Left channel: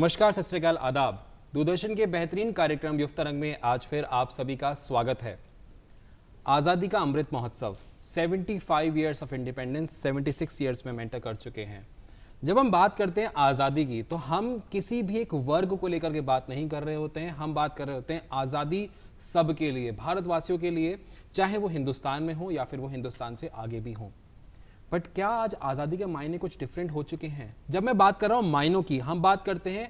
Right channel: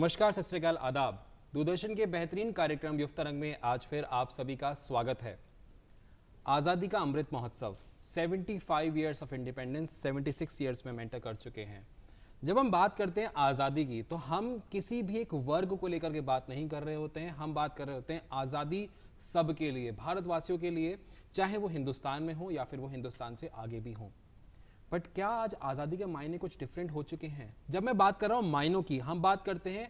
नमस्कार, सत श्री अकाल, आदाब। दूरदर्शन के बेहतरीन कार्यक्रम युव तरंग में आज फिर आप सभी का स्वागत है। आज़ादी का Amrit Mahotsav 75 years of independence 76 years में मेंटर कर चुके हैं। जब हम बात करते हैं आज़ादी की तो हम किसी भी एक वर्ग को लेकर के बात नहीं कर रहे होते हैं, हम बात कर रहे होते हैं आज़ादी सबके लिए, भारतवासियों के लिए, चाहे वो हिंदुस्तान में हो या फिर वो हिंदुस्तान से आगे भी हो। बट क्या आज आज़ादी के मायने कुछ डिफरेंट हो चुके हैं? जब मैं बात कर रहा हूँ मायनों की, हम बात करते हैं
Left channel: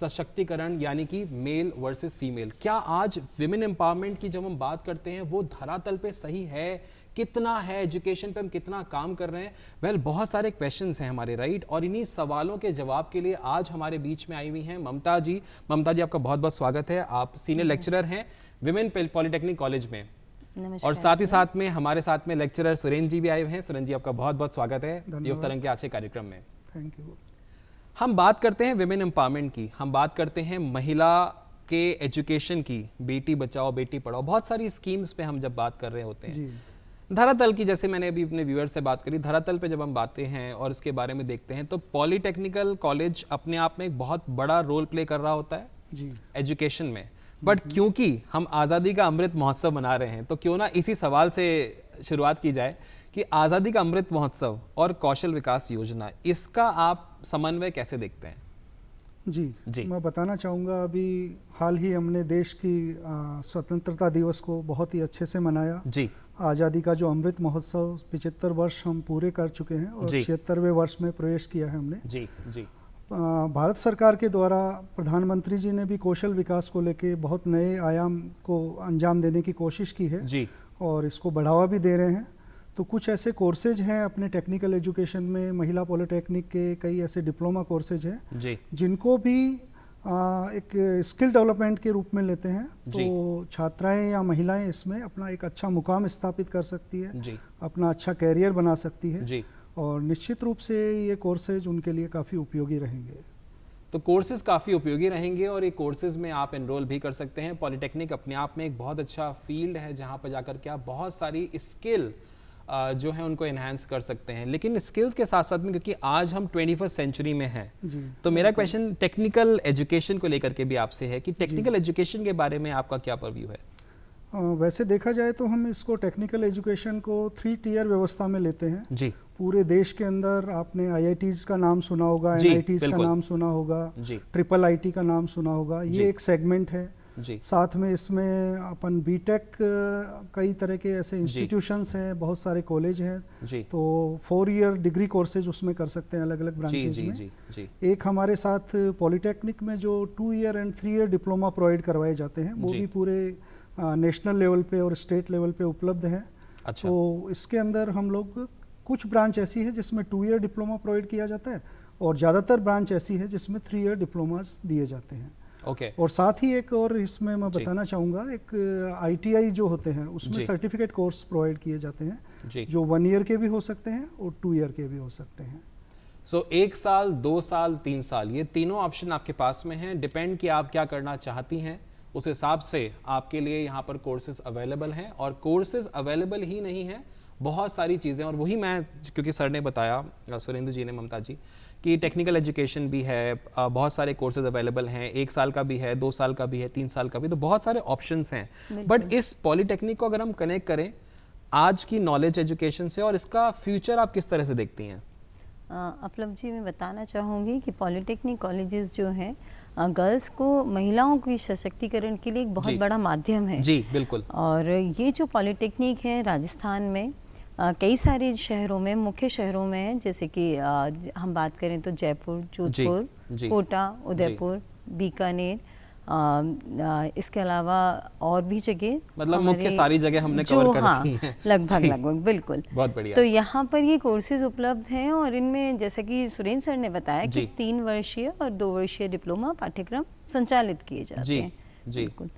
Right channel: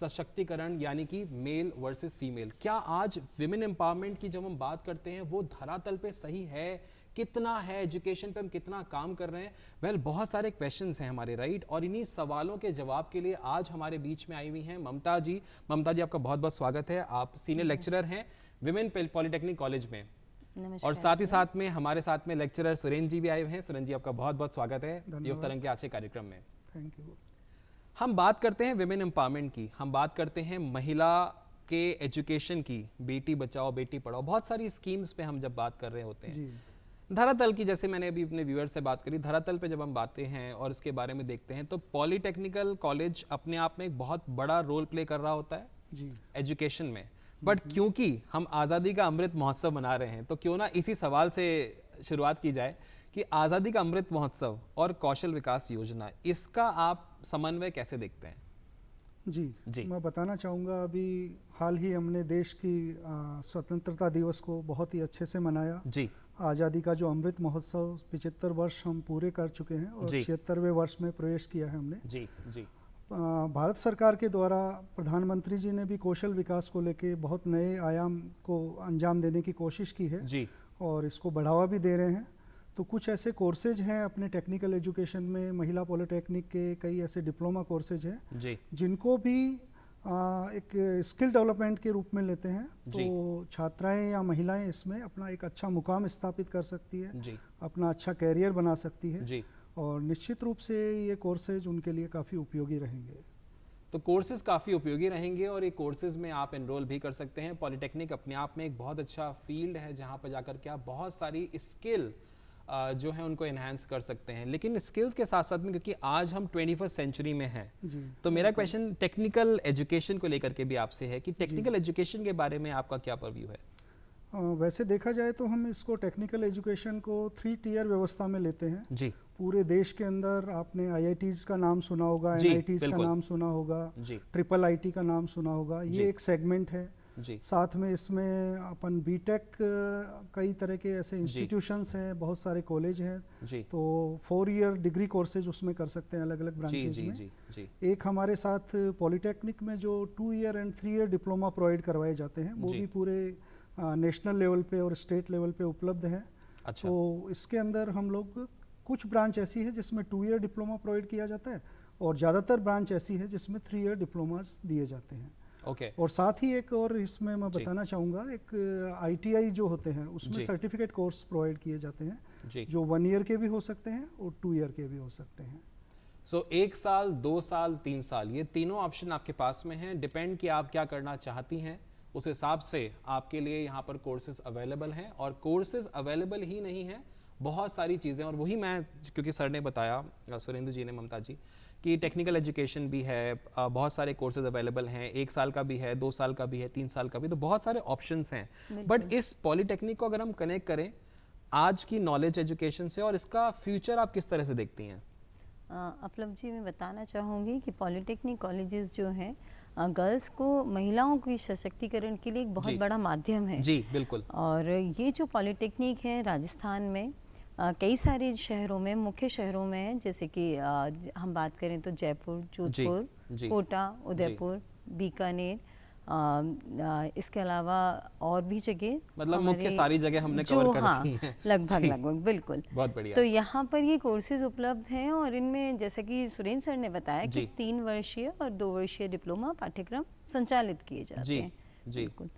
सशक्तिकरण यानी कि मेल वर्सेस फीमेल। क्या आज विमेन एम्पावरमेंट की जब हम बात करते हैं वो धरातल पे सही है? कितना है? एजुकेशन पे हम कितना काम कर रहे हैं? वेल, बहुत सारे क्वेश्चंस हैं हमारे, राइट? और इन्हीं सवालों के जवाब के लिए आज हमारे बीच में आई हुई हैं ममता जी। ममता जी, आपका बहुत बहुत स्वागत है। आप सीनियर लेक्चरर हैं विमेन पॉलिटेक्निक कॉलेज में, और साथ ही साथ में हमारे साथ में लेक्चरर सुरेंद्र जी भी आए हुए हैं। सुरेंद्र जी, आपका बहुत बहुत स्वागत है युव तरंग के आज के कार्यक्रम में। Thank you. हम बात करते हैं विमेन एम्पावरमेंट की, हम बात करते हैं महिला के एजुकेशन की, बेटी बचाओ बेटी पढ़ाओ, बहुत सारी स्कीम्स पे हम जब बात कर रहे होते हैं। धरातल की, जैसे मैंने अभी अपने व्यूअर से बात करी, धरातल पे जब हम बातें हैं और उसके बारे में देखते हैं तो पॉलिटेक्निकल कॉलेज अपने आप में एक बहुत बड़ा रोल प्ले कर रहा होता है एजुकेशन में। बट क्योंकि हम आज़ादी का अमृत महोत्सव मना रहे हैं तो क्यों ना इसी सवाल से शुरुआत की जाए कि आज़ादी का अमृत महोत्सव और कौशल विकास योजना, इसका आप समन्वय कैसे देखते हैं? जी, मैं बताना चाहूँगा, अभी हाल ही हमने देश की स्वतंत्रता दिवस को बहुत ही अच्छे से मनाया। जी, आज़ादी का जो अमृत महोत्सव 75 वर्ष हम पूरे कर चुके हैं और 76वें वर्ष में प्रवेश किया है हमने। जी। भारत सरकार के द्वारा प्रधानमंत्री जी ने भी कौशल विकास को लेके बहुत नए आयाम को अंजाम देने की कोशिश की है जी, और इसको बढ़ावा भी दे रहे हैं। तो कुछ ऐसे कोर्सेज हैं अपने टेक्निकल एजुकेशन में, महिला पॉलिटेक्निक के कई ऐसे डिप्लोमा कोर्सेज हैं जी, जिनको भी एक स्किल डेवलपमेंट के रूप में लेते हैं। तो छात्राएं या महिलाएं इसमें अपना एक अच्छा मुकाम स्थापित कर सकती है, अपना अच्छा कैरियर बना सकती है जी। और निश्चित रूप से ये कोर्सेज उनके लिए काफ़ी उपयोगी रहेंगे। तो कोर्सेज काफ़ी उपयोगी रहेंगे और ये कोर्सेज में आप एनरोल भी कर सकते हैं। पॉलिटेक्निक अपने आप में एक बहुत अच्छा फील्ड है जहाँ पर जाकर के आप बहुत सारी स्किल जो है उनको एनहांस कर सकते हैं। लेकिन स्किल्स के साथ साथ में, क्योंकि आज हम 21st सेंचुरी में हैं, तो मेरा क्वेश्चन टेक्निकल एजुकेशन को लेकर के भी आपसे है कि टेक्निकल एजुकेशन के बारे में आपका क्या परव्यू है? वैसे देखा जाए तो हम इसको टेक्निकल एजुकेशन को 3 टियर व्यवस्था में लेते हैं। जी। पूरे देश के अंदर आपने IITs का नाम सुना होगा, NITs का नाम सुना होगा, ट्रिपल IT का नाम सुना होगा, ये एक सेगमेंट है। साथ में इसमें अपन बीटेक, कई तरह के ऐसे इंस्टीट्यूशंस हैं, बहुत सारे कॉलेज हैं, तो 4 ईयर डिग्री कोर्सेज उसमें कर सकते हैं अलग अलग ब्रांचेज में। एक हमारे साथ पॉलिटेक्निक में जो 2 year and 3 year diploma provide करवाए जाते हैं, वो भी पूरे नेशनल लेवल पे और स्टेट लेवल पे उपलब्ध है। अच्छा। तो इसके अंदर हम लोग, कुछ ब्रांच ऐसी है जिसमें 2 ईयर डिप्लोमा प्रोवाइड किया जाता है और ज़्यादातर ब्रांच ऐसी है जिसमें 3 ईयर डिप्लोमास दिए जाते हैं। और साथ ही एक और इसमें मैं बताना चाहूँगा, एक ITI जो होते हैं उसमें सर्टिफिकेट कोर्स प्रोवाइड किए जाते हैं जो 1 ईयर के भी हो सकते हैं और 2 ईयर के भी हो सकते हैं। सो 1 साल, 2 साल, 3 साल, ये तीनों ऑप्शन आपके पास में हैं। डिपेंड कि आप क्या करना चाहती हैं, उस हिसाब से आपके लिए यहाँ पर कोर्सेज अवेलेबल हैं। और कोर्सेज अवेलेबल ही नहीं हैं, बहुत सारी चीज़ें, और वही मैं, क्योंकि सर ने बताया, सुरेंद्र जी ने, ममता जी, कि टेक्निकल एजुकेशन भी है, बहुत सारे कोर्सेज अवेलेबल हैं, 1 साल का भी है, 2 साल का भी है, 3 साल का भी, तो बहुत सारे ऑप्शंस हैं। बट इस पॉलिटेक्निक को अगर हम कनेक्ट करें आज की नॉलेज एजुकेशन से, और इसका फ्यूचर आप किस तरह से देखती हैं? अपलम जी, मैं बताना चाहूँगी कि पॉलिटेक्निक कॉलेजेस जो हैं गर्ल्स को, महिलाओं की सशक्तिकरण के लिए एक बहुत बड़ा माध्यम है। जी, बिल्कुल। और ये जो पॉलिटेक्निक है राजस्थान में कई सारे शहरों में, मुख्य शहरों में है, जैसे कि हम बात करें तो जयपुर, जोधपुर, कोटा, उदयपुर, बीकानेर, इसके अलावा और भी जगह, मतलब मुख्य सारी जगह हमने कवर कर रखी हैं। लगभग बिल्कुल। बहुत बढ़िया। तो यहाँ पर ये कोर्सेज उपलब्ध हैं और इनमें, जैसा कि सुरेंद्र सर ने बताया, कि 3 वर्षीय और 2 वर्षीय डिप्लोमा पाठ्यक्रम संचालित किए जाते हैं। बिल्कुल।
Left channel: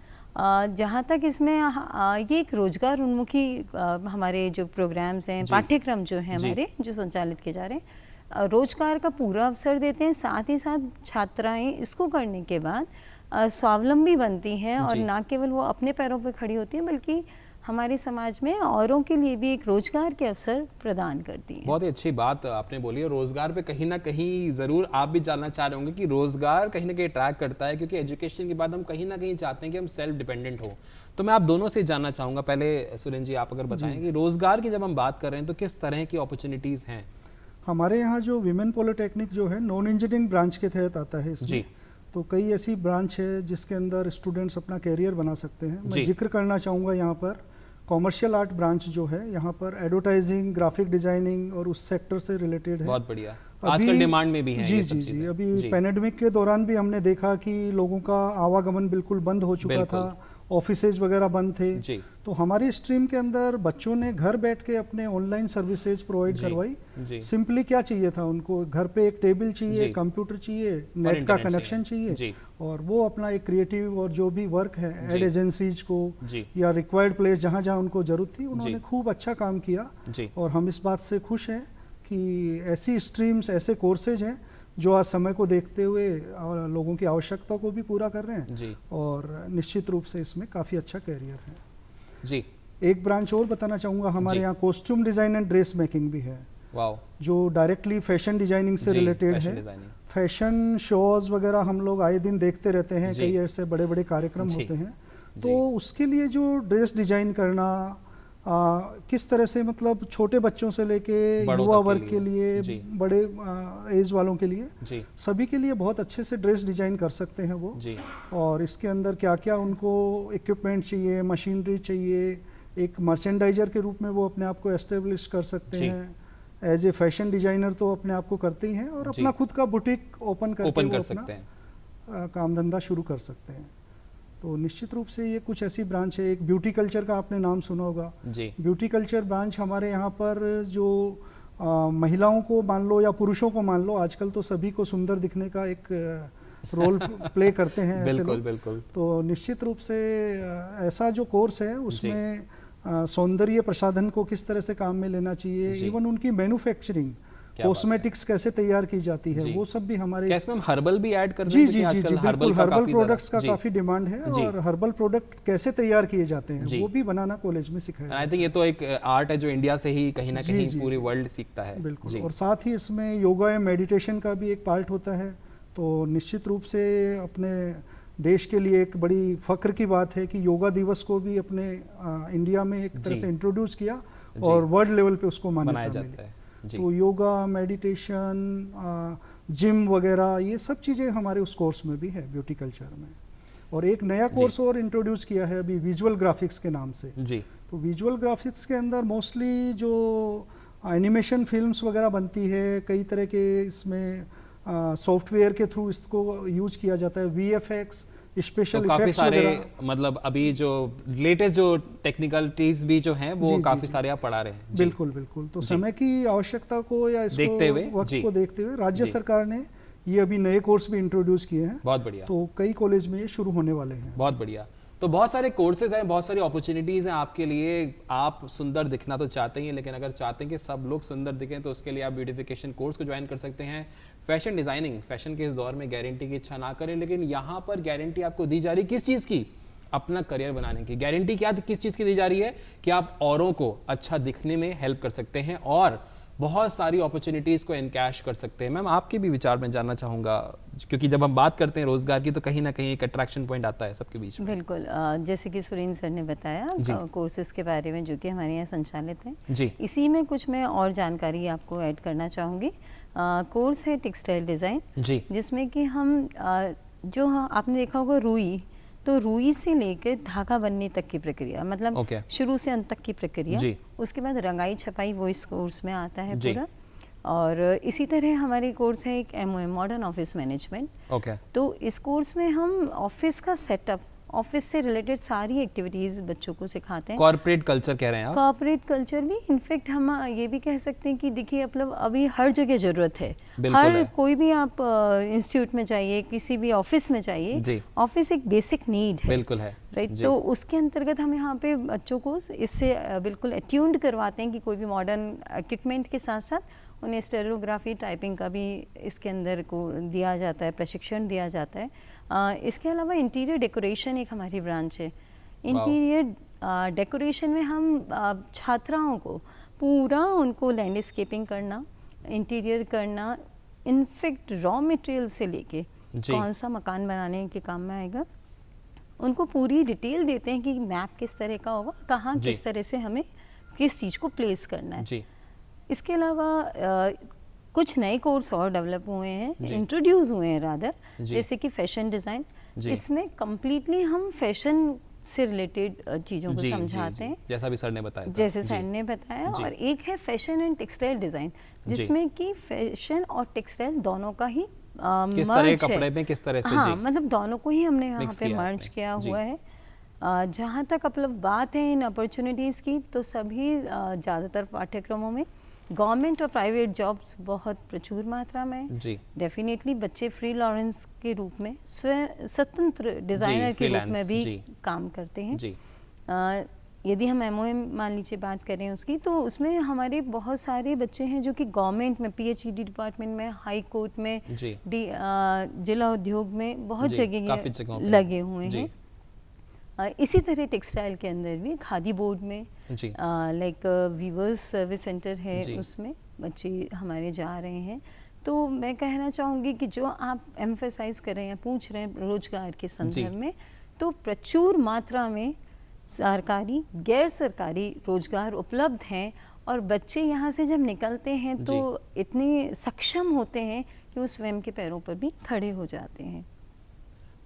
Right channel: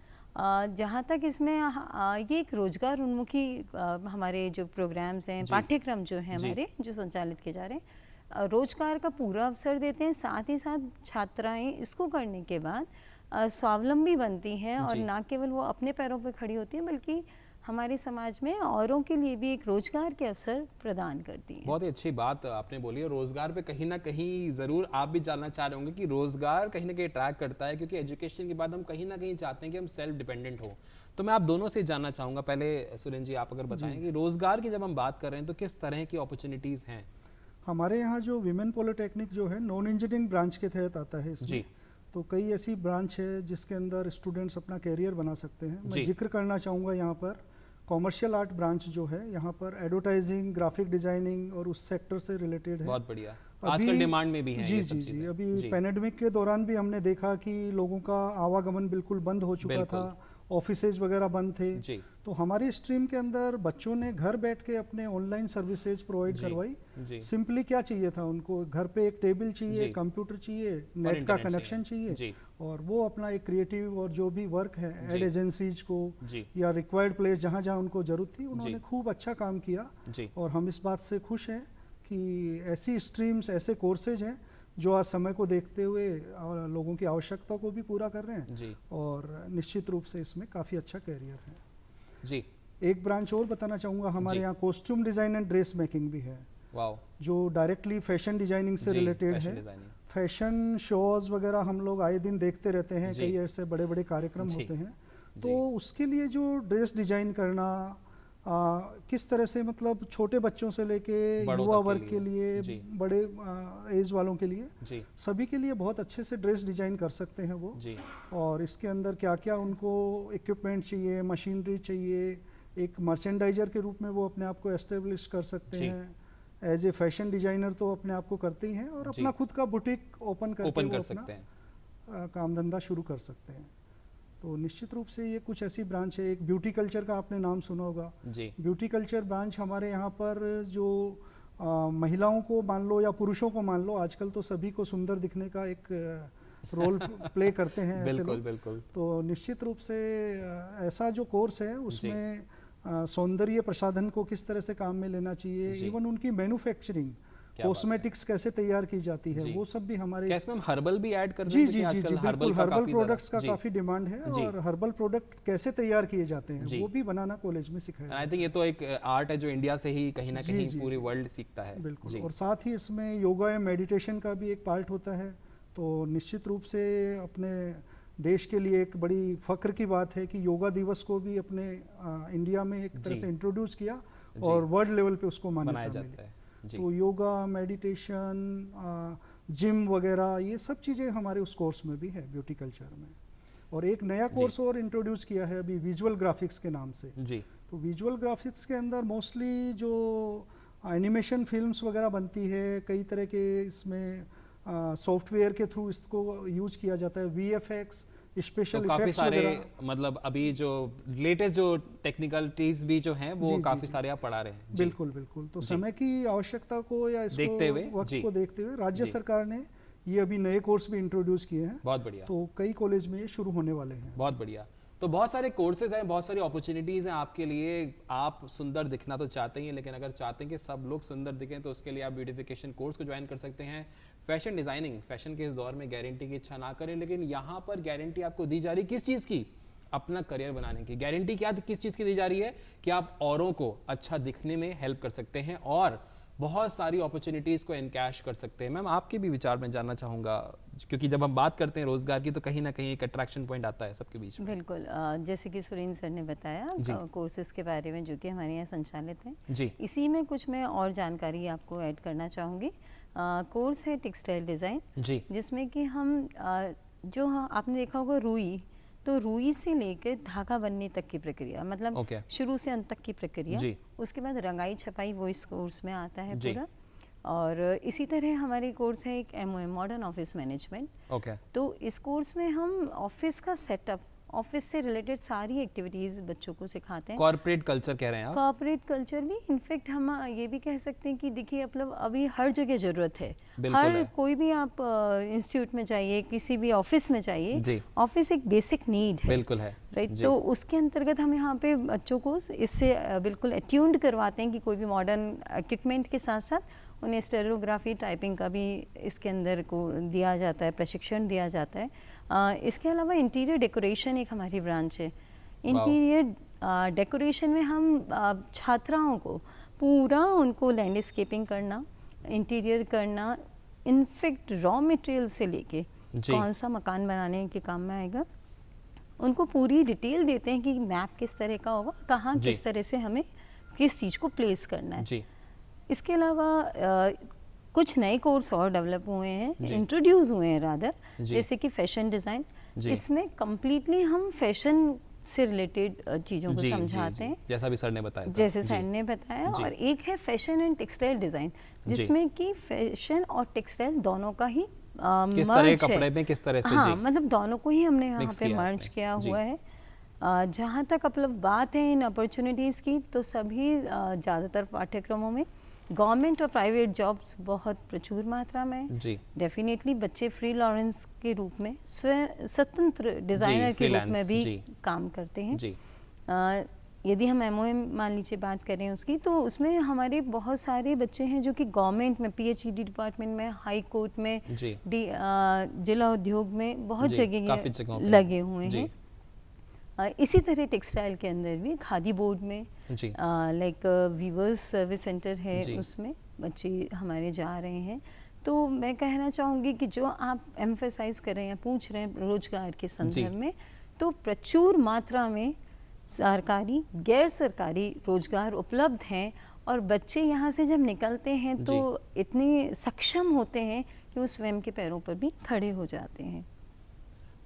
जहाँ तक इसमें ये एक रोजगार उन्मुखी हमारे जो प्रोग्राम्स हैं, पाठ्यक्रम जो हैं हमारे, जो संचालित किए जा रहे हैं, रोजगार का पूरा अवसर देते हैं। साथ ही साथ छात्राएं इसको करने के बाद स्वावलंबी बनती हैं और ना केवल वो अपने पैरों पर खड़ी होती हैं, बल्कि हमारे समाज में औरों के लिए भी एक रोजगार के अवसर प्रदान करती है। बहुत ही अच्छी बात आपने बोली है। रोजगार पे कहीं ना कहीं ज़रूर आप भी जानना चाह रहे होंगे कि रोजगार कहीं ना कहीं अट्रैक्ट करता है, क्योंकि एजुकेशन के बाद हम कहीं ना कहीं चाहते हैं कि हम सेल्फ डिपेंडेंट हो। तो मैं आप दोनों से जानना चाहूँगा, पहले सुरेंद्र जी आप अगर बताएं कि रोजगार की जब हम बात कर रहे हैं तो किस तरह की अपॉर्चुनिटीज़ हैं? हमारे यहाँ जो विमेन पॉलिटेक्निक जो है नॉन इंजीनियरिंग ब्रांच के तहत आता है इसमें जी। तो कई ऐसी ब्रांच है जिसके अंदर स्टूडेंट्स अपना कैरियर बना सकते हैं। मैं जिक्र करना चाहूँगा यहाँ पर कॉमर्शियल आर्ट ब्रांच जो है, यहाँ पर एडवर्टाइजिंग, ग्राफिक डिजाइनिंग और उस सेक्टर से रिलेटेड है। बहुत बढ़िया, आजकल डिमांड में भी है ये सब चीजें। जी, अभी पैंडेमिक के दौरान भी हमने देखा कि लोगों का आवागमन बिल्कुल बंद हो चुका था, ऑफिसेज वगैरह बंद थे जी। तो हमारी स्ट्रीम के अंदर बच्चों ने घर बैठ के अपने ऑनलाइन सर्विसेज प्रोवाइड करवाई। सिंपली क्या चाहिए था उनको, घर पे एक टेबल चाहिए, कंप्यूटर चाहिए, नेट का कनेक्शन चाहिए और वो अपना एक क्रिएटिव और जो भी वर्क है एड एजेंसीज को या रिक्वायर्ड प्लेस जहाँ जहाँ उनको जरूरत थी उन्होंने खूब अच्छा काम किया। और हम इस बात से खुश हैं कि ऐसी स्ट्रीम्स, ऐसे कोर्सेज हैं जो आज समय को देखते हुए लोगों की आवश्यकता को भी पूरा कर रहे हैं जी। और निश्चित रूप से इसमें काफ़ी अच्छा कैरियर है जी। एक ब्रांच और बताना चाहूँगा, हमारे यहाँ costume design and dress making भी है, जो डायरेक्टली फैशन डिजाइनिंग से रिलेटेड है। फैशन शोज वगैरह हम लोग आए दिन देखते रहते हैं, कई ऐसे बड़े बड़े कार्यक्रम होते हैं। तो उसके लिए जो ड्रेस डिजाइन करना किस तरह से, मतलब छोटे बच्चों से लेके युवा वर्ग के लिए, बड़े एज वालों के लिए, सभी के लिए बहुत अच्छे से ड्रेस डिजाइन कर सकते हैं वो। और इसके अंदर क्या क्या उनको इक्विपमेंट चाहिए, मशीनरी चाहिए, एक मर्चेंडाइजर के रूप में वो अपने आप को एस्टेब्लिश कर सकते हैं। एज ए फैशन डिजाइनर तो अपने आप को करते ही हैं और अपना खुद का बुटीक ओपन करके वो अपना काम धंधा शुरू कर सकते हैं। तो निश्चित रूप से ये कुछ ऐसी ब्रांच है। एक ब्यूटी कल्चर का आपने नाम सुना होगा जी। ब्यूटी कल्चर ब्रांच हमारे यहाँ पर जो महिलाओं को मान लो या पुरुषों को मान लो, आजकल तो सभी को सुंदर दिखने का एक रोल प्ले करते हैं बिल्कुल बिल्कुल। तो निश्चित रूप से ऐसा जो कोर्स है उसमें सौंदर्य प्रसाधन को किस तरह से काम में लेना चाहिए, इवन उनकी मैन्युफैक्चरिंग, कॉस्मेटिक्स कैसे तैयार की जाती है, वो सब भी हमारे हर्बल भी ऐड कर जी जी जी बिल्कुल। हर्बल प्रोडक्ट्स का काफी डिमांड है और हर्बल प्रोडक्ट कैसे तैयार किए जाते हैं वो भी बनाना कॉलेज में सिखाया। आई थिंक ये तो एक आर्ट है जो इंडिया से ही कहीं ना कहीं पूरी वर्ल्ड सीखता है। बिल्कुल। और साथ ही इसमें योगा या मेडिटेशन का भी एक पार्ट होता है। तो निश्चित रूप से अपने देश के लिए एक बड़ी फख्र की बात है कि योगा दिवस को भी अपने इंडिया में एक तरह से इंट्रोड्यूस किया और वर्ल्ड लेवल पे उसको मान्यता मिली। तो योगा, मेडिटेशन, जिम वगैरह ये सब चीज़ें हमारे उस कोर्स में भी है ब्यूटी कल्चर में। और एक नया कोर्स और इंट्रोड्यूस किया है अभी विजुअल ग्राफिक्स के नाम से जी। तो विजुअल ग्राफिक्स के अंदर मोस्टली जो एनिमेशन फिल्म्स वगैरह बनती है, कई तरह के इसमें सॉफ्टवेयर के थ्रू इसको यूज किया जाता है। VFX, स्पेशल काफी सारे, मतलब अभी जो लेटेस्ट जो टेक्निकलिटीज भी जो हैं वो काफी सारे आप पढ़ा रहे हैं। बिल्कुल बिल्कुल। तो समय की आवश्यकता को या इसको देखते हुए, वक्त को देखते हुए राज्य सरकार ने ये अभी नए कोर्स भी इंट्रोड्यूस किए हैं। बहुत बढ़िया। तो कई कॉलेज में ये शुरू होने वाले हैं। बहुत बढ़िया। तो बहुत सारे कोर्सेज हैं, बहुत सारी अपॉर्चुनिटीज़ हैं आपके लिए। आप सुंदर दिखना तो चाहते ही हैं, लेकिन अगर चाहते हैं कि सब लोग सुंदर दिखें तो उसके लिए आप ब्यूटिफिकेशन कोर्स को ज्वाइन कर सकते हैं। फैशन डिज़ाइनिंग, फैशन के इस दौर में गारंटी की इच्छा ना करें, लेकिन यहाँ पर गारंटी आपको दी जा रही किस चीज़ की? अपना करियर बनाने की गारंटी। क्या किस चीज़ की दी जा रही है? कि आप औरों को अच्छा दिखने में हेल्प कर सकते हैं और बहुत सारी अपॉर्चुनिटीज़ को एनकैश कर सकते हैं। मैम आपके भी विचार में जानना चाहूँगा, क्योंकि जब हम बात करते हैं रोजगार की तो कहीं ना कहीं एक अट्रैक्शन पॉइंट आता है सबके बीच में। बिल्कुल। जैसे कि सुरेंद्र सर ने बताया कोर्सेज के बारे में जो कि हमारे यहाँ संचालित हैं जी। इसी में कुछ मैं और जानकारी आपको ऐड करना चाहूँगी। कोर्स है टेक्सटाइल डिज़ाइन जी, जिसमें कि हम जो आपने देखा होगा रुई, तो रुई से लेकर धागा बनने तक की प्रक्रिया, मतलब शुरू से अंत तक की प्रक्रिया, उसके बाद रंगाई छपाई, वो इस कोर्स में आता है पूरा। और इसी तरह हमारे कोर्स है एक MOM मॉडर्न ऑफिस मैनेजमेंट। तो इस कोर्स में हम ऑफिस का सेटअप, ऑफिस से रिलेटेड सारी एक्टिविटीज बच्चों को सिखाते हैं। कॉर्पोरेट कल्चर कह रहे हैं आप? कॉर्पोरेट कल्चर भी, इनफैक्ट हम ये भी कह सकते हैं कि देखिए मतलब अभी हर जगह जरूरत है। हर कोई भी आप इंस्टीट्यूट में जाइए, किसी भी ऑफिस में जाइए, ऑफिस एक बेसिक नीड है। बिल्कुल है राइट। तो उसके अंतर्गत हम यहाँ पे बच्चों को इससे बिल्कुल अट्यून्ड करवाते हैं कि कोई भी मॉडर्न इक्विपमेंट के साथ साथ उन्हें स्टेरियोग्राफी, टाइपिंग का भी इसके अंदर को दिया जाता है, प्रशिक्षण दिया जाता है। इसके अलावा इंटीरियर डेकोरेशन एक हमारी ब्रांच है। इंटीरियर डेकोरेशन में हम छात्राओं को पूरा उनको लैंडस्केपिंग करना, इंटीरियर करना, इनफैक्ट रॉ मटेरियल से लेके कौन सा मकान बनाने के काम में आएगा, उनको पूरी डिटेल देते हैं कि मैप किस तरह का होगा, कहाँ किस तरह से हमें किस चीज़ को प्लेस करना है। इसके अलावा कुछ नए कोर्स और डेवलप हुए हैं, इंट्रोड्यूस हुए हैं रादर, जैसे कि फैशन डिज़ाइन। इसमें कम्प्लीटली हम फैशन से रिलेटेड चीज़ों को समझाते हैं, जैसा भी सर ने बताया, जैसे सर ने बताया। और एक है फैशन एंड टेक्सटाइल डिज़ाइन, जिसमें कि फैशन और टेक्सटाइल दोनों का ही किस तरह कपड़े में किस तरह से, हाँ, मतलब दोनों को ही हमने यहाँ पे मर्ज किया हुआ है। जहाँ तक मतलब बात है इन अपॉर्चुनिटीज़ की, तो सभी ज़्यादातर पाठ्यक्रमों में गवर्नमेंट और प्राइवेट जॉब्स बहुत प्रचुर मात्रा में है। डेफिनेटली बच्चे फ्रीलांस के रूप में, स्वतंत्र डिज़ाइनर के रूप में भी काम करते हैं। यदि हम MOM मान लीजिए बात करें उसकी, तो उसमें हमारे बहुत सारे बच्चे हैं जो कि गवर्नमेंट में, PhD डिपार्टमेंट में, हाई कोर्ट में, जिला उद्योग में बहुत जगह लगे हुए हैं। इसी तरह टेक्सटाइल के अंदर भी खादी बोर्ड में, लाइक वीवर्स सर्विस सेंटर है, उसमें बच्चे हमारे जा रहे हैं। तो मैं कहना चाहूँगी कि जो आप एम्फेसाइज कर रहे हैं, पूछ रहे हैं रोजगार के संदर्भ में, तो प्रचुर मात्रा में सरकारी गैर सरकारी रोजगार उपलब्ध हैं। और बच्चे यहाँ से जब निकलते हैं तो इतने सक्षम होते हैं कि वो स्वयं के पैरों पर भी खड़े हो जाते हैं।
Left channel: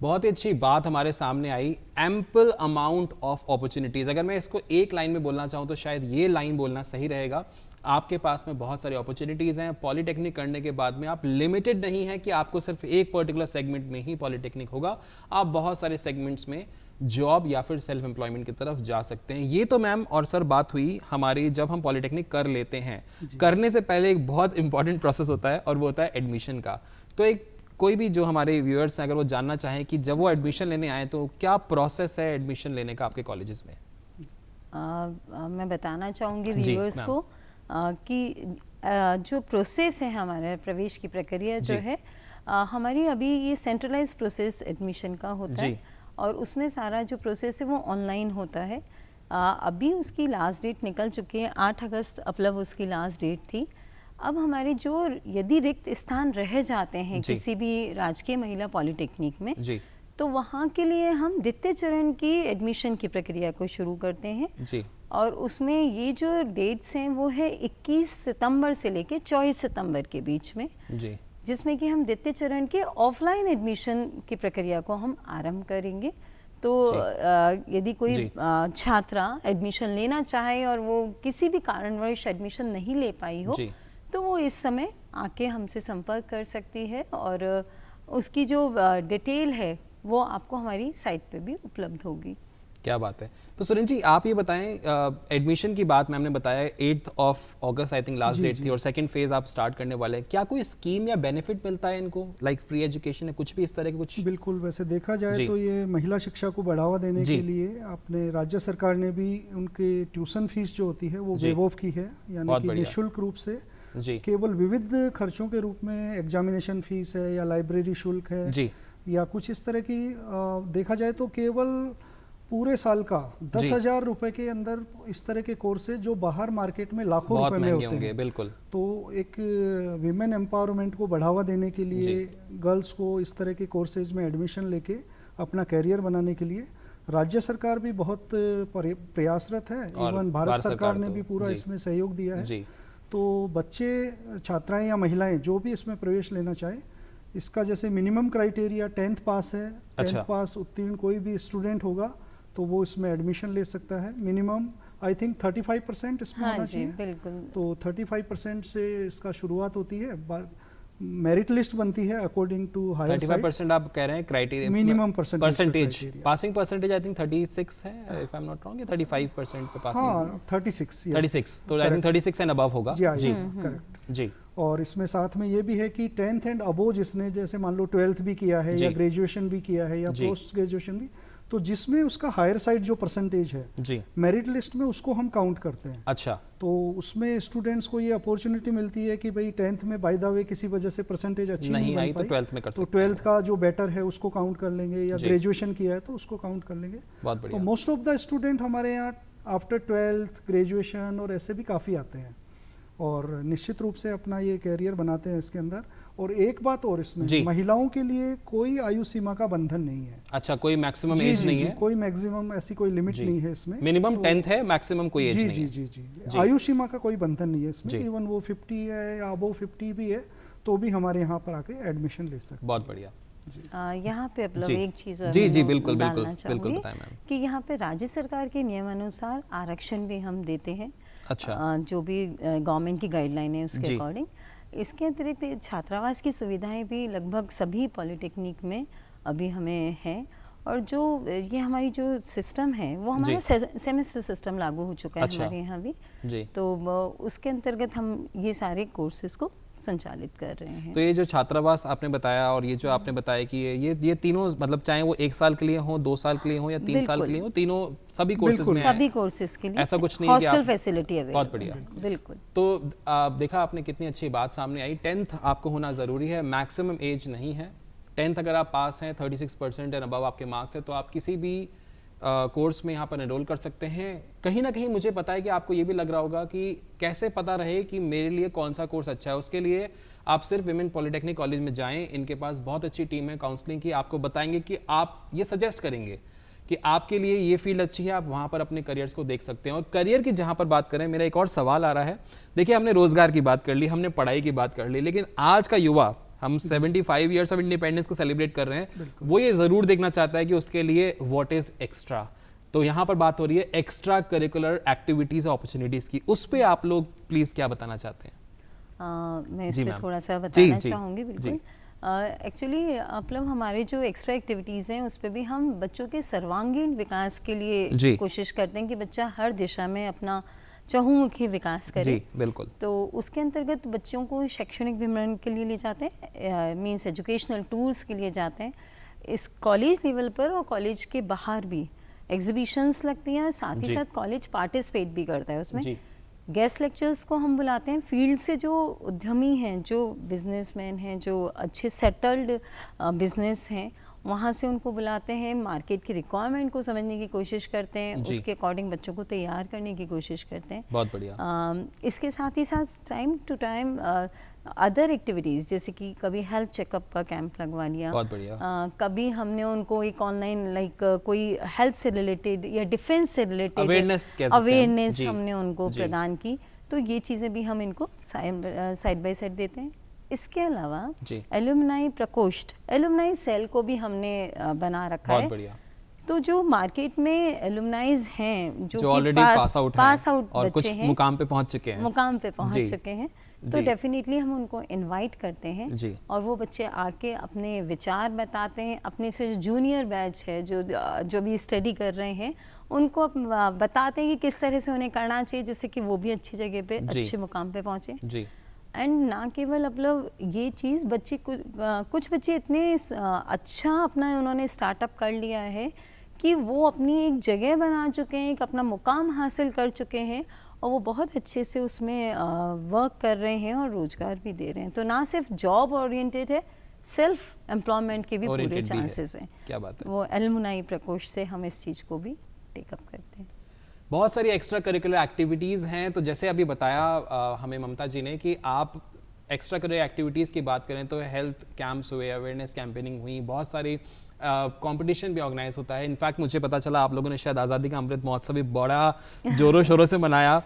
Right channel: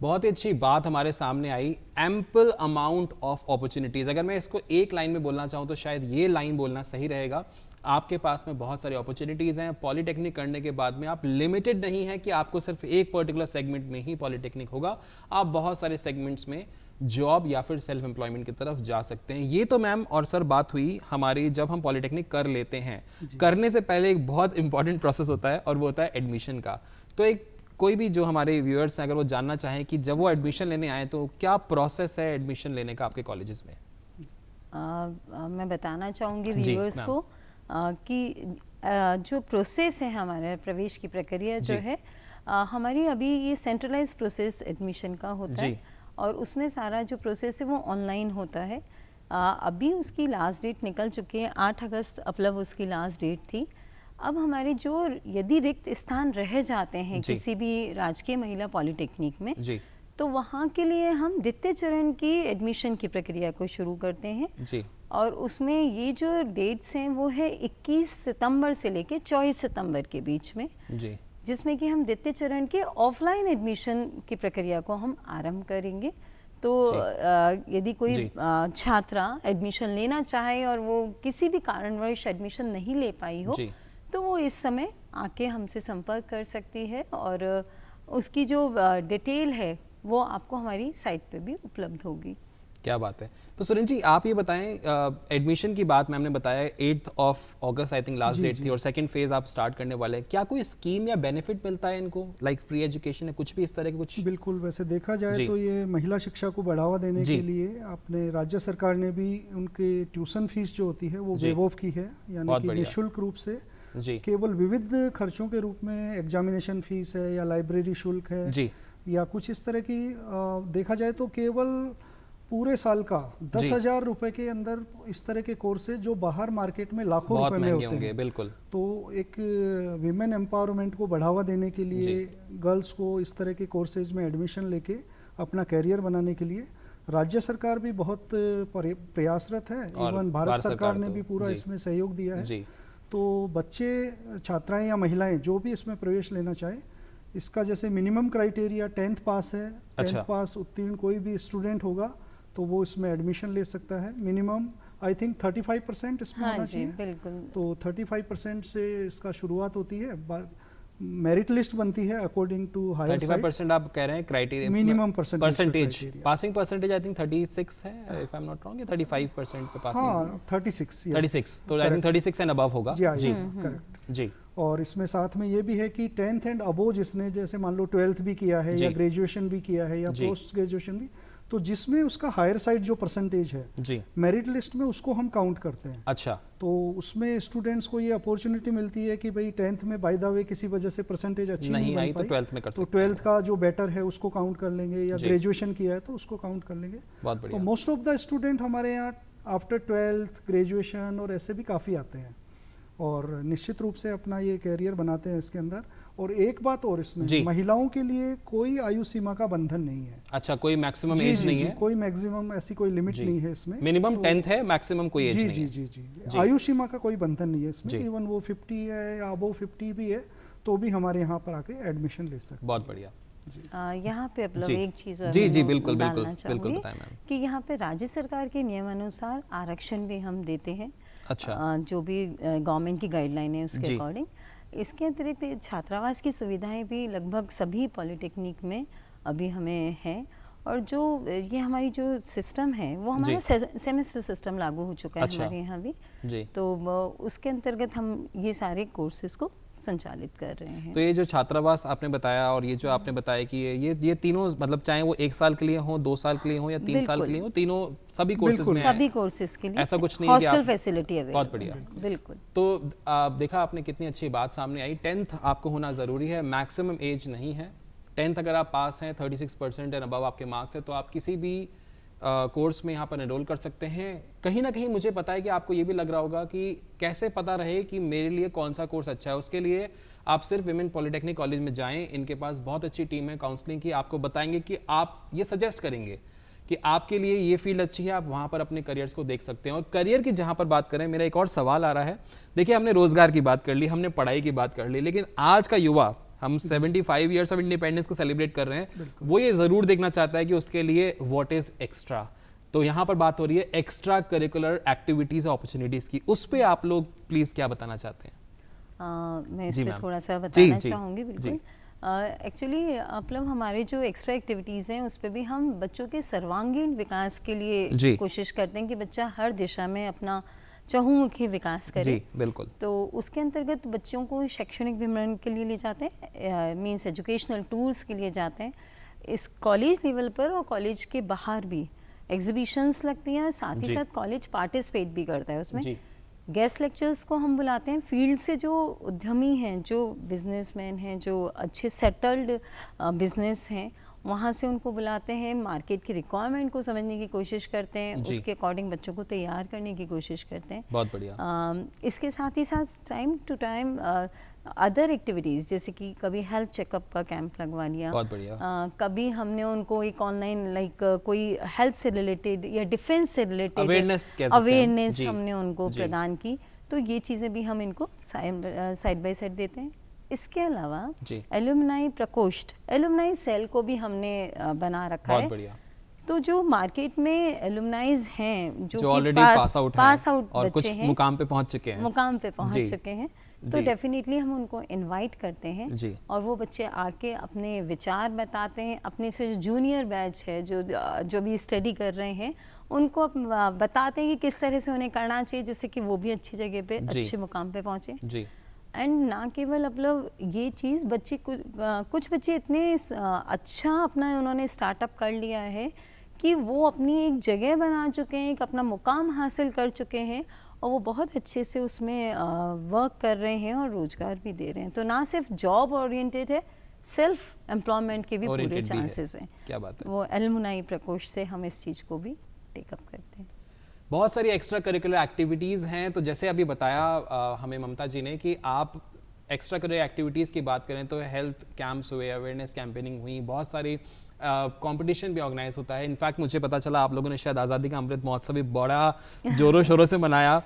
बहुत ही अच्छी बात हमारे सामने आई, एम्पल अमाउंट ऑफ अपॉर्चुनिटीज़। अगर मैं इसको एक लाइन में बोलना चाहूँ तो शायद ये लाइन बोलना सही रहेगा। आपके पास में बहुत सारी अपॉर्चुनिटीज़ हैं। पॉलिटेक्निक करने के बाद में आप लिमिटेड नहीं है कि आपको सिर्फ एक पर्टिकुलर सेगमेंट में ही पॉलिटेक्निक होगा, आप बहुत सारे सेगमेंट्स में जॉब या फिर सेल्फ एम्प्लॉयमेंट की तरफ जा सकते हैं। ये तो मैम और सर बात हुई हमारी जब हम पॉलिटेक्निक कर लेते हैं। करने से पहले एक बहुत इंपॉर्टेंट प्रोसेस होता है और वो होता है एडमिशन का। तो एक कोई भी जो हमारे व्यूअर्स हैं अगर वो जानना चाहें कि जब वो एडमिशन लेने आए तो क्या प्रोसेस है एडमिशन लेने का आपके कॉलेजेस में? मैं बताना चाहूँगी व्यूअर्स को कि जो प्रोसेस है हमारा प्रवेश की प्रक्रिया जो है हमारी, अभी ये सेंट्रलाइज प्रोसेस एडमिशन का होता है और उसमें सारा जो प्रोसेस है वो ऑनलाइन होता है। अभी उसकी लास्ट डेट निकल चुकी है, 8 अगस्त अपलब उसकी लास्ट डेट थी। अब हमारे जो यदि रिक्त स्थान रह जाते हैं किसी भी राजकीय महिला पॉलिटेक्निक में, तो वहाँ के लिए हम द्वितीय चरण की एडमिशन की प्रक्रिया को शुरू करते हैं। और उसमें ये जो डेट्स हैं वो है 21 सितंबर से लेके 24 सितंबर के बीच में, जिसमें कि हम द्वितीय चरण के ऑफलाइन एडमिशन की प्रक्रिया को हम आरंभ करेंगे। तो यदि कोई छात्रा एडमिशन लेना चाहे और वो किसी भी कारणवश एडमिशन नहीं ले पाई हो, तो वो इस समय आके हमसे संपर्क कर सकती है और उसकी जो डिटेल है वो आपको हमारी साइट पे भी उपलब्ध होगी। क्या बात है। तो सुरेंद्र जी आप ये बताएं, एडमिशन की बात मैंने बताया 8 अगस्त आई थिंक लास्ट डेट थी और सेकंड फेज आप स्टार्ट करने वाले हैं। क्या कोई स्कीम या बेनिफिट मिलता है इनको, लाइक फ्री एजुकेशन है, कुछ भी इस तरह के कुछ? बिल्कुल, वैसे देखा जाए तो ये महिला शिक्षा को बढ़ावा देने के लिए अपने राज्य सरकार ने भी उनके ट्यूशन फीस जो होती है वो वेव ऑफ की है, यानी कि निःशुल्क रूप से केवल विविध खर्चों के रूप में एग्जामिनेशन फीस है या लाइब्रेरी शुल्क है या कुछ इस तरह की देखा जाए तो केवल पूरे साल का 10,000 रुपए के अंदर इस तरह के कोर्सेज जो बाहर मार्केट में लाखों रुपए में होते हैं। बिल्कुल। तो एक विमेन एम्पावरमेंट को बढ़ावा देने के लिए, गर्ल्स को इस तरह के कोर्सेज में एडमिशन लेके अपना कैरियर बनाने के लिए राज्य सरकार भी बहुत प्रयासरत है। इवन भारत सरकार ने भी पूरा इसमें सहयोग दिया है। तो बच्चे, छात्राएं या महिलाएं जो भी इसमें प्रवेश लेना चाहे, इसका जैसे मिनिमम क्राइटेरिया 10th पास है। 10th पास उत्तीर्ण कोई भी स्टूडेंट होगा तो वो इसमें एडमिशन ले सकता है। मिनिमम आई थिंक 35% इसमें होना चाहिए। तो 35% से इसका शुरुआत होती है। मेरिट लिस्ट बनती है अकॉर्डिंग टू हायर 35% आप कह रहे हैं criteria, minimum percentage, passing percentage I think 36 है if I am not wrong, या 35% पे पासिंग? हाँ 36 तो आई थिंक 36 एंड अबव होगा। जी करेक्ट जी। और इसमें साथ में ये भी है कि 10th एंड अबव जिसने जैसे मान लो 12th भी किया है या ग्रेजुएशन भी किया है या पोस्ट ग्रेजुएशन भी, तो जिसमें उसका हायर साइड जो परसेंटेज है जी, मेरिट लिस्ट में उसको हम काउंट करते हैं। अच्छा, तो उसमें स्टूडेंट्स को ये अपॉर्चुनिटी मिलती है कि भाई 10th में बाय द वे किसी वजह से परसेंटेज अच्छी नहीं आई तो 12th में कर तो सकते हैं। 12th का जो बेटर है उसको काउंट कर लेंगे, या जी। ग्रेजुएशन किया है तो उसको काउंट कर लेंगे। बहुत तो बढ़िया। मोस्ट ऑफ द स्टूडेंट हमारे यहाँ आफ्टर 12th ग्रेजुएशन और ऐसे भी काफ़ी आते हैं और निश्चित रूप से अपना ये कैरियर बनाते हैं इसके अंदर। और एक बात और, इसमें महिलाओं के लिए कोई आयु सीमा का बंधन नहीं है। अच्छा, कोई मैक्सिमम एज नहीं है? कोई मैक्सिमम ऐसी कोई लिमिट नहीं है इसमें। मिनिमम 10th है, मैक्सिमम कोई एज नहीं है। जी, आयु सीमा का कोई बंधन नहीं है इसमें। इवन वो 50 है या अबव 50 भी है तो भी हमारे यहाँ पर आके एडमिशन ले सकते हैं। बहुत बढ़िया। यहाँ पे मतलब एक चीज जी बिल्कुल बताएं मैम, कि यहाँ पे राज्य सरकार के नियमानुसार आरक्षण भी हम देते हैं। अच्छा, जो भी गवर्नमेंट की गाइडलाइन है उसके अकॉर्डिंग। इसके अतिरिक्त छात्रावास की सुविधाएं भी लगभग सभी पॉलिटेक्निक में अभी हमें है। और जो ये हमारी जो सिस्टम है वो हमारा सेमेस्टर सिस्टम लागू हो चुका है हमारे यहाँ भी जी। तो उसके अंतर्गत हम ये सारे कोर्सेज को संचालित कर रहे हैं। तो ये जो छात्रावास आपने बताया और ये जो आपने बताया कि ये तीनों मतलब चाहे वो 1 साल के लिए हो, 2 साल के लिए हो या 3 साल के लिए हो, तीनों सभी कोर्सेज में सभी कोर्सेज के लिए ऐसा कुछ नहीं है कि हॉस्टल फैसिलिटी अवेलेबल। बहुत बढ़िया, बिल्कुल। तो देखा आपने कितनी अच्छी बात सामने आई। 10th आपको होना जरूरी है, मैक्सिमम एज नहीं है। 10th अगर आप पास हैं, 36% एंड अबव आपके मार्क्स है तो आप किसी भी कोर्स में यहाँ पर एनरोल कर सकते हैं। कहीं ना कहीं मुझे पता है कि आपको ये भी लग रहा होगा कि कैसे पता रहे कि मेरे लिए कौन सा कोर्स अच्छा है। उसके लिए आप सिर्फ विमेन पॉलिटेक्निक कॉलेज में जाएं, इनके पास बहुत अच्छी टीम है काउंसलिंग की। आपको बताएंगे कि आप ये सजेस्ट करेंगे कि आपके लिए ये फील्ड अच्छी है, आप वहाँ पर अपने करियर्स को देख सकते हैं। और करियर की जहाँ पर बात करें, मेरा एक और सवाल आ रहा है। देखिए, हमने रोजगार की बात कर ली, हमने पढ़ाई की बात कर ली, लेकिन आज का युवा, हम 75 ईयर्स ऑफ इंडिपेंडेंस को सेलिब्रेट कर रहे हैं, वो ये जरूर देखना चाहता है कि उसके लिए व्हाट इज एक्स्ट्रा। तो यहाँ पर बात हो रही है एक्स्ट्रा करिकुलर एक्टिविटीज अपॉर्चुनिटीज की, उस पे आप लोग प्लीज क्या बताना चाहते हैं? मैं इस पे थोड़ा सा बताना चाहूँगी। बिल्कुल, एक्चुअली मतलब हमारे जो एक्स्ट्रा एक्टिविटीज़ हैं उस पर भी हम बच्चों के सर्वांगीण विकास के लिए कोशिश करते हैं कि बच्चा हर दिशा में अपना चहुमुखी विकास करे। जी, बिल्कुल। तो उसके अंतर्गत बच्चों को शैक्षणिक विवरण के लिए ले जाते हैं, मीन्स एजुकेशनल टूर्स के लिए जाते हैं। इस कॉलेज लेवल पर और कॉलेज के बाहर भी एग्जीबिशंस लगती हैं, साथ ही साथ कॉलेज पार्टिसिपेट भी करता है उसमें। गेस्ट लेक्चर्स को हम बुलाते हैं। फील्ड से जो उद्यमी हैं, जो बिजनेसमैन हैं, जो अच्छे सेटल्ड बिजनेस हैं, वहाँ से उनको बुलाते हैं, मार्केट की रिक्वायरमेंट को समझने की कोशिश करते हैं, उसके अकॉर्डिंग बच्चों को तैयार करने की कोशिश करते हैं। बहुत बढ़िया। इसके साथ ही साथ time to time other activities, जैसे कि कभी हेल्थ चेकअप का कैंप लगवा लिया। बहुत बढ़िया। कभी हमने उनको एक ऑनलाइन कोई हेल्थ से रिलेटेड या डिफेंस से रिलेटेड अवेयरनेस हमने उनको प्रदान की। तो ये चीज़ें भी हम इनको साइड बाय साइड देते हैं। इसके अलावा एलुमनाई प्रकोष्ठ, एलुमनाई सेल को भी हमने बना रखा है। बढ़िया। तो जो मार्केट में एलुमनाइज हैं, जो ऑलरेडी पास आउट और कुछ मुकाम पे पहुंच चुके हैं, तो डेफिनेटली हम उनको इनवाइट करते हैं और वो बच्चे आके अपने विचार बताते हैं। अपने से जो जूनियर बैच है, जो भी स्टडी कर रहे हैं, उनको बताते हैं कि किस तरह से उन्हें करना चाहिए, जिससे कि वो भी अच्छी जगह पे, अच्छे मुकाम पे पहुंचे। एंड ना केवल मतलब ये चीज़, बच्चे कुछ बच्चे इतने अच्छा अपना उन्होंने स्टार्टअप कर लिया है कि वो अपनी एक जगह बना चुके हैं, एक अपना मुकाम हासिल कर चुके हैं और वो बहुत अच्छे से उसमें वर्क कर रहे हैं और रोजगार भी दे रहे हैं। तो ना सिर्फ जॉब ओरिएंटेड है, सेल्फ एम्प्लॉयमेंट के भी पूरे चांसेस हैं। क्या बात है। वो एलुमनाई प्रकोष्ठ से हम इस चीज़ को भी टेकअप करते हैं। बहुत सारी एक्स्ट्रा करिकुलर एक्टिविटीज़ हैं। तो जैसे अभी बताया हमें ममता जी ने कि आप एक्स्ट्रा करिकुलर एक्टिविटीज़ की बात करें तो हेल्थ कैंप्स हुए, अवेयरनेस कैंपेनिंग हुई, बहुत सारी कंपटीशन भी ऑर्गेनाइज होता है। इनफैक्ट मुझे पता चला आप लोगों ने शायद आज़ादी का अमृत महोत्सव भी बड़ा जोरों शोरों से मनाया।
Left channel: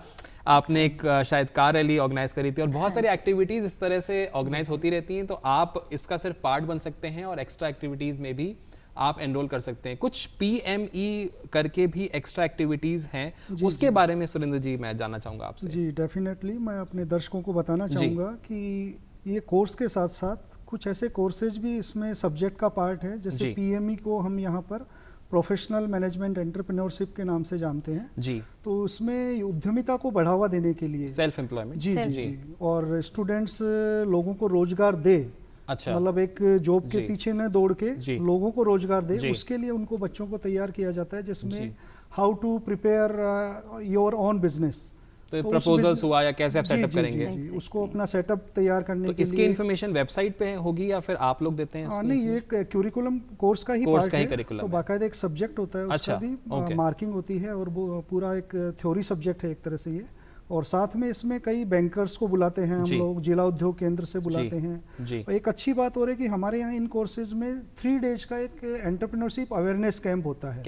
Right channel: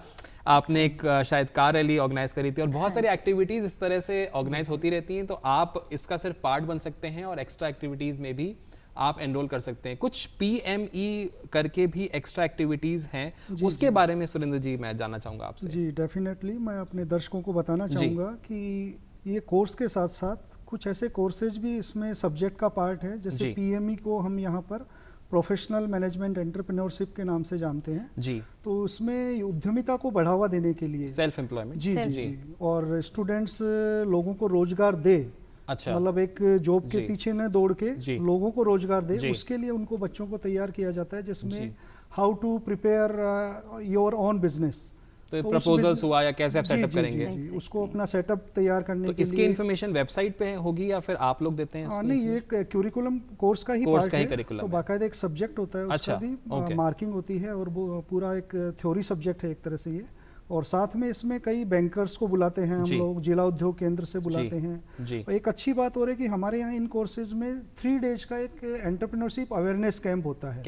आपने एक शायद कार रैली ऑर्गेनाइज करी थी और बहुत सारी एक्टिविटीज़ इस तरह से ऑर्गेनाइज होती रहती हैं। तो आप इसका सिर्फ पार्ट बन सकते हैं और एक्स्ट्रा एक्टिविटीज़ में भी आप एनरोल कर सकते हैं। कुछ PME करके भी एक्स्ट्रा एक्टिविटीज़ हैं, उसके बारे में सुरेंद्र जी मैं जानना चाहूँगा आपसे। जी डेफिनेटली, मैं अपने दर्शकों को बताना चाहूँगा कि ये कोर्स के साथ साथ कुछ ऐसे कोर्सेज भी इसमें सब्जेक्ट का पार्ट है। जैसे PME को हम यहाँ पर प्रोफेशनल मैनेजमेंट एंटरप्रेन्योरशिप के नाम से जानते हैं जी। तो उसमें उद्यमिता को बढ़ावा देने के लिए सेल्फ एम्प्लॉयमेंट जी, और स्टूडेंट्स लोगों को रोजगार दे, अच्छा। मतलब एक जॉब के पीछे न दौड़ के लोगों को रोजगार दे, उसके लिए उनको बच्चों को तैयार किया जाता है, जिसमें how to prepare your own business, तो प्रपोजल्स हुआ या कैसे आप सेटअप करेंगे, उसको अपना सेटअप तैयार करने के इसकी इन्फॉर्मेशन वेबसाइट पे होगी या फिर आप लोग देते हैं? नहीं, ये क्यूरिकुलम कोर्स का ही पार्ट है, तो बाकायदा एक सब्जेक्ट होता है, उसका भी मार्किंग होती है और वो पूरा एक थ्योरी सब्जेक्ट है एक तरह से ये। और साथ में इसमें कई बैंकर्स को बुलाते हैं हम लोग, जिला उद्योग केंद्र से बुलाते हैं। और एक अच्छी बात हो रही है कि हमारे यहाँ इन कोर्सेज में 3 डेज का एक एंटरप्रेन्योरशिप अवेयरनेस कैंप होता है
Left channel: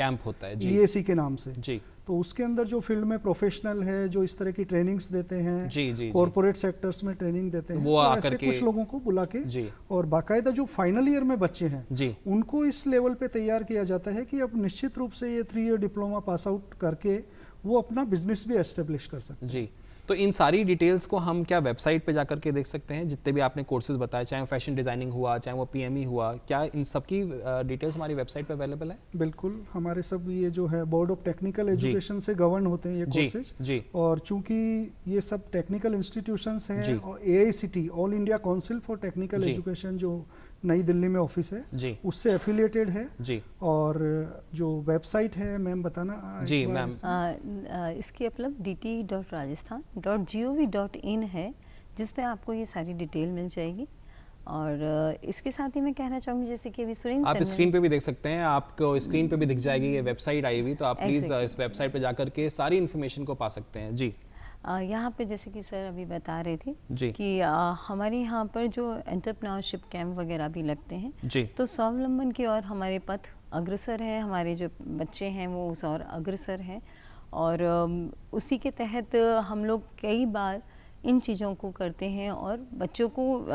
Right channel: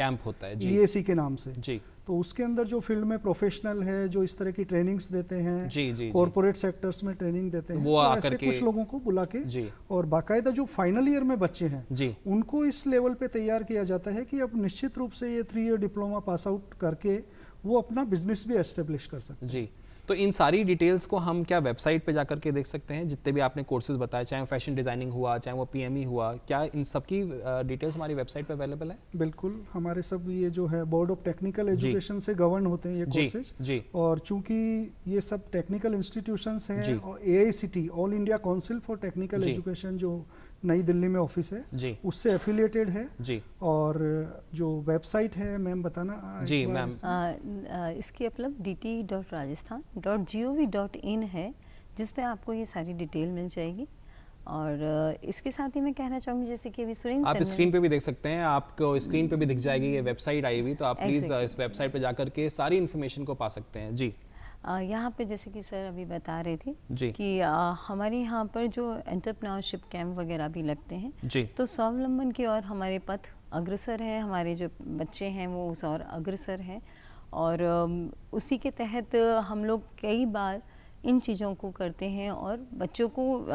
EAC के नाम से जी। तो उसके अंदर जो फील्ड में प्रोफेशनल है, जो इस तरह की ट्रेनिंग्स देते हैं, कॉर्पोरेट सेक्टर्स में ट्रेनिंग देते हैं, वो तो ऐसे कुछ लोगों को बुला के और बाकायदा जो फाइनल ईयर में बच्चे हैं उनको इस लेवल पे तैयार किया जाता है कि अब निश्चित रूप से ये 3 ईयर डिप्लोमा पास आउट करके वो अपना बिजनेस भी एस्टेब्लिश कर सकते हैं। जी, तो इन सारी डिटेल्स को हम क्या वेबसाइट पे जाकर के देख सकते हैं? जितने भी आपने कोर्सेज बताए, चाहे वो फैशन डिजाइनिंग हुआ, चाहे वो PME हुआ, क्या इन सब की डिटेल्स हमारी वेबसाइट पे अवेलेबल है? बिल्कुल, हमारे सब ये जो है बोर्ड ऑफ टेक्निकल एजुकेशन से गवर्न होते हैं ये कोर्सेज, और चूंकि ये सब टेक्निकल इंस्टीट्यूशंस हैं और AICT all India council for technical education जो नई दिल्ली में ऑफिस है उससे एफिलिएटेड है जी। और जो वेबसाइट है मैम बताना जी मैम, इसकी उपलब्ध dt.rajasthan.gov.in है, जिसपे आपको ये सारी डिटेल मिल जाएगी। और इसके साथ ही मैं कहना चाहूँगी, जैसे कि अभी सुरेंद्र आप स्क्रीन पे भी देख सकते हैं, आपको स्क्रीन पे भी दिख जाएगी ये वेबसाइट आई हुई, तो आप प्लीज इस वेबसाइट पे जाकर के सारी इन्फॉर्मेशन को पा सकते हैं जी। यहाँ पे जैसे कि सर अभी बता रहे थे कि हमारे यहाँ पर जो एंटरप्रेन्योरशिप कैंप वगैरह भी लगते हैं, तो स्वावलंबन की ओर हमारे पथ अग्रसर है, हमारे जो बच्चे हैं वो उस ओर अग्रसर है। और उसी के तहत हम लोग कई बार इन चीज़ों को करते हैं और बच्चों को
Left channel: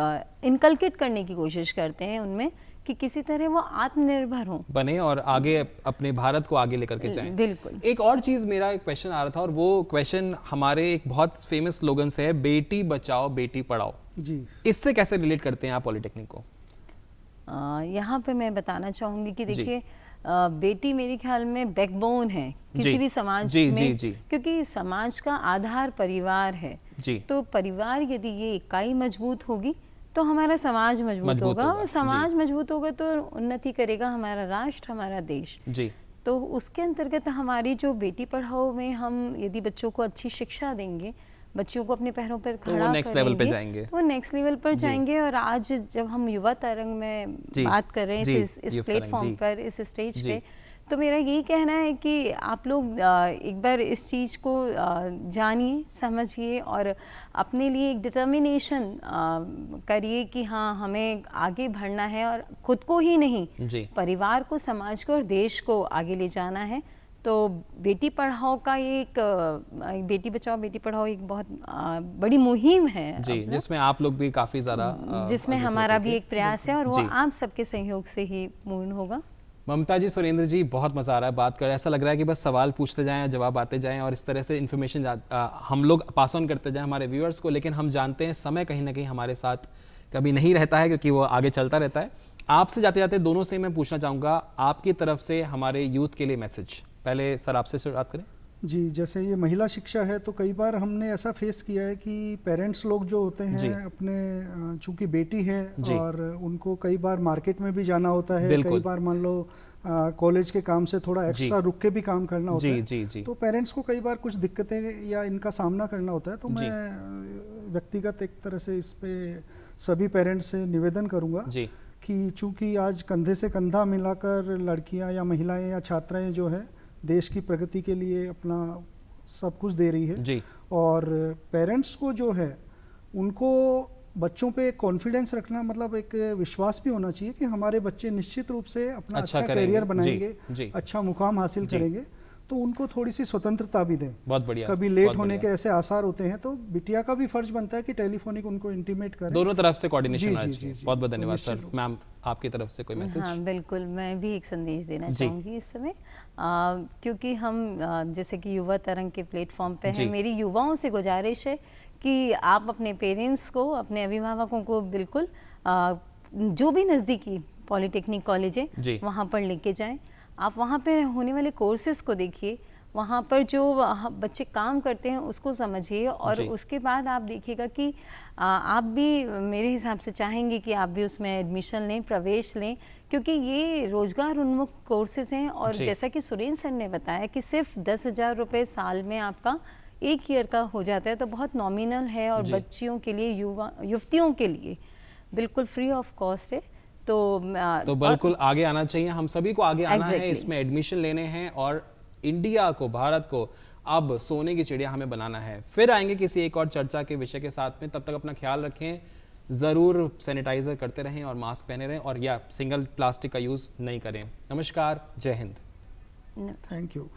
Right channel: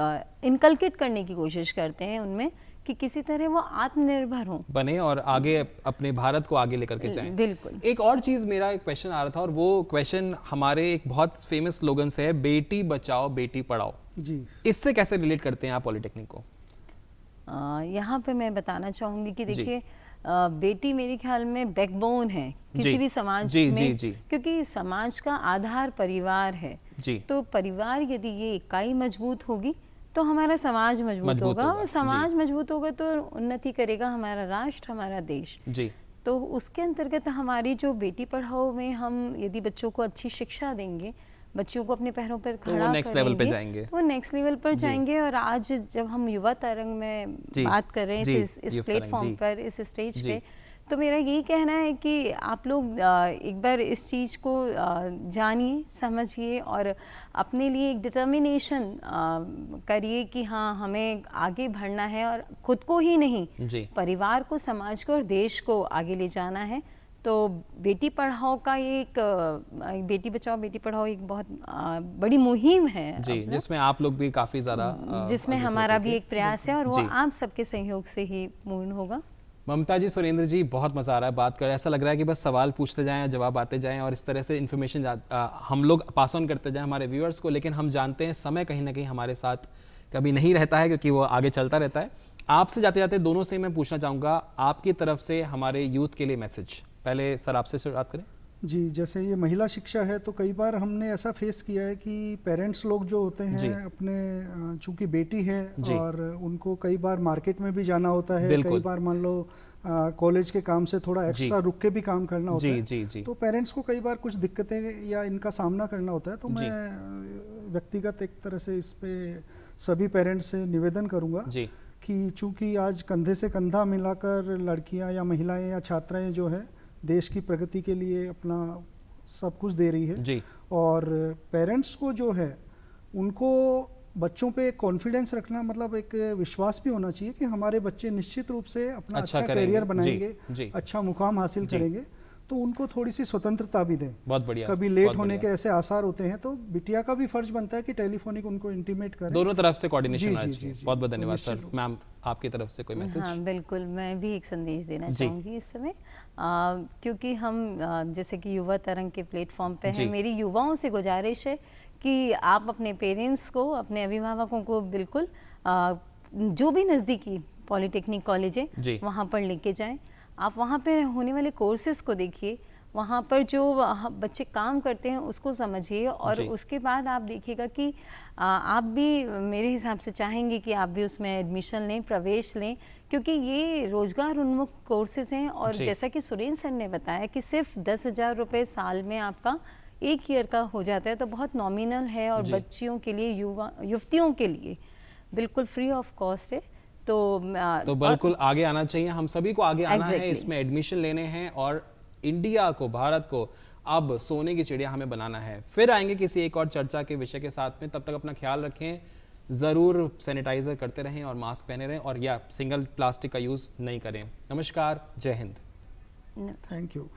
इनकलकेट करने की कोशिश करते हैं उनमें कि किसी तरह वो आत्मनिर्भर हो बने और आगे अपने भारत को आगे लेकर के जाएं। बिल्कुल। एक और चीज, मेरा एक क्वेश्चन आ रहा था और वो क्वेश्चन हमारे एक बहुत फेमस स्लोगन से है, बेटी बचाओ बेटी पढ़ाओ जी। इससे कैसे रिलेट करते हैं आप पॉलिटेक्निक को? यहाँ पे मैं बताना चाहूंगी कि देखिए बेटी मेरे ख्याल में बैकबोन है किसी भी समाज में, क्योंकि समाज का आधार परिवार है जी। तो परिवार यदि ये इकाई मजबूत होगी तो हमारा समाज मजबूत होगा, और समाज मजबूत होगा तो उन्नति करेगा हमारा राष्ट्र, हमारा देश जी। तो उसके अंतर्गत हमारी जो बेटी पढ़ाओ में हम यदि बच्चों को अच्छी शिक्षा देंगे, बच्चों को अपने पैरों पर खड़ा करेंगे, वो नेक्स्ट लेवल पर जाएंगे। और आज जब हम युवा तरंग में बात कर रहे हैं इस प्लेटफॉर्म पर, इस स्टेज पे, तो मेरा यही कहना है कि आप लोग एक बार इस चीज़ को जानिए, समझिए और अपने लिए एक डिटर्मिनेशन करिए कि हाँ हमें आगे बढ़ना है, और खुद को ही नहीं परिवार को, समाज को और देश को आगे ले जाना है। तो बेटी पढ़ाओ का एक बेटी बचाओ बेटी पढ़ाओ एक बहुत बड़ी मुहिम है जी, जिसमें आप लोग भी काफ़ी ज़्यादा, जिसमें हमारा भी एक प्रयास है और वो आप सबके सहयोग से ही पूर्ण होगा। ममता जी, सुरेंद्र जी, बहुत मज़ा आ रहा है बात कर, ऐसा लग रहा है कि बस सवाल पूछते जाएं, जवाब आते जाएं और इस तरह से इन्फॉर्मेशन हम लोग पास ऑन करते जाएं हमारे व्यूअर्स को। लेकिन हम जानते हैं समय कहीं ना कहीं हमारे साथ कभी नहीं रहता है, क्योंकि वो आगे चलता रहता है। आपसे जाते जाते दोनों से मैं पूछना चाहूँगा, आपकी तरफ से हमारे यूथ के लिए मैसेज। पहले सर आपसे शुरुआत करें जी। जैसे ये महिला शिक्षा है, तो कई बार हमने ऐसा फेस किया है कि पेरेंट्स लोग जो होते हैं अपने, चूंकि बेटी है और उनको कई बार मार्केट में भी जाना होता है, कई बार मान लो कॉलेज के काम से थोड़ा एक्स्ट्रा रुक के भी काम करना होता है, तो पेरेंट्स को कई बार कुछ दिक्कतें या इनका सामना करना होता है। तो मैं व्यक्तिगत एक तरह से इस पे सभी पेरेंट्स से निवेदन करूंगा कि चूंकि आज कंधे से कंधा मिलाकर लड़कियां या महिलाएं या छात्राएं जो है देश की प्रगति के लिए अपना सब कुछ दे रही है जी। और पेरेंट्स को जो है उनको बच्चों पे कॉन्फिडेंस रखना, मतलब एक विश्वास भी होना चाहिए कि हमारे बच्चे निश्चित रूप से अपना अच्छा करियर बनाएंगे, अच्छा मुकाम हासिल करेंगे। तो उनको थोड़ी सी स्वतंत्रता भी दें। बहुत बढ़िया। कभी लेट होने के ऐसे आसार होते हैं, तो बिटिया का भी फर्ज बनता है कि टेलीफोनिक उनको इंटीमेट करें। दोनों तरफ से कोऑर्डिनेशन होना चाहिए। बहुत बहुत धन्यवाद सर। मैम, आपकी तरफ से कोई मैसेज? हाँ बिल्कुल, मैं भी एक संदेश देना चाहूँगी इस समय, क्योंकि हम जैसे कि युवा तरंग के प्लेटफॉर्म पे हैं, मेरी युवाओं से गुजारिश है कि आप अपने पेरेंट्स को, अपने अभिभावकों को बिल्कुल जो भी नज़दीकी पॉलिटेक्निक कॉलेज है वहाँ पर लेके जाएं। आप वहाँ पे होने वाले कोर्सेज को देखिए, वहाँ पर जो बच्चे काम करते हैं उसको समझिए, और उसके बाद आप देखिएगा कि आप भी मेरे हिसाब से चाहेंगे कि आप भी उसमें एडमिशन लें, प्रवेश लें, क्योंकि ये रोजगार उन्मुख कोर्सेज हैं। और जैसा कि सुरेंद्र सर ने बताया कि सिर्फ 10,000 रुपये साल में आपका 1 ईयर का हो जाता है, तो बहुत नॉमिनल है, और बच्चियों के लिए, युवतियों के लिए बिल्कुल फ्री ऑफ कॉस्ट है। तो बिल्कुल आगे आना चाहिए, हम सभी को आगे आना है, इसमें एडमिशन लेने हैं, और इंडिया को, भारत को अब सोने की चिड़िया हमें बनाना है। फिर आएंगे किसी एक और चर्चा के विषय के साथ में, तब तक अपना ख्याल रखें, ज़रूर सैनिटाइजर करते रहें और मास्क पहने रहें, और या सिंगल प्लास्टिक का यूज़ नहीं करें। नमस्कार, जय हिंद, थैंक यू।